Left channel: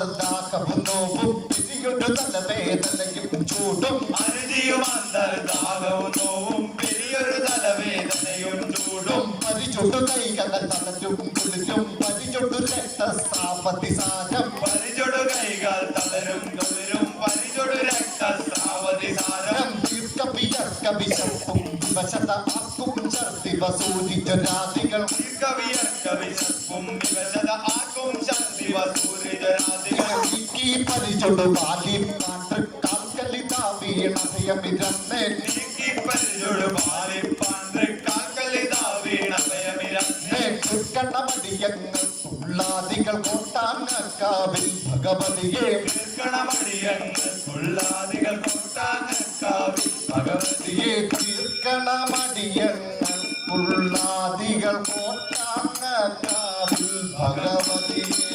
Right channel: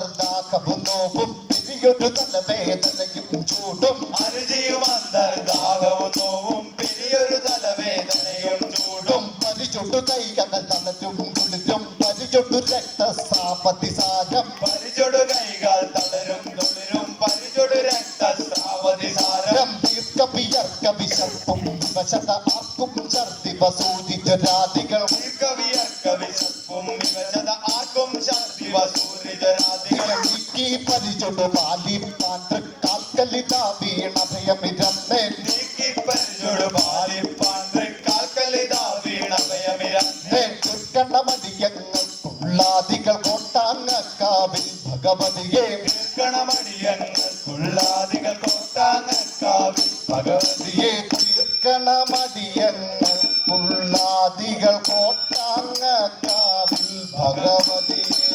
వందర్దాక నోపు పిరిగొడు తలవేదనకి చూడు అరిజీ వందర్దాగవు నోవు పెరియొడు తలవేదనయొడు చూడు పరిచుడు కై కథ తల చుంకులిజం పరిచుడు రక్త స్థాపతి సాధం పరిచుడు కైగాల్ తలరం తొలిరం పరిచుడు రక్త స్థాపతి సాధం कभी यक कभी सत्पुम विवसत आकुम सर्ति वसूदित राधिगण कभी यक कभी सत्पुम विवसत आकुम सर्ति वसू പതിച്ചുണ്ട് പാലി കാൽക്കല്ലി താതി അഭയമിരന്ന് നീക്കി പരിചുണ്ട് പാലി പാണ്ട് കാൽക്കല്ലി താതി അഭയമിരന്ന് തൃക്കണ്ണ മടിയങ്ങൾ കുള്ളാദികൾ കൊട്ടാനക്കാവിൽ ഭഗവതിയെ തൃക്കണമടിയങ്ങൾ കുള്ളാദികൾ കൊട്ടാനക്കാവിൽ ഭഗവതിയെ തൃക്കണമടിയങ്ങൾ കുള്ളാദികൾ കോട്ടാനക്കാവിൽ ഭഗവതിയെ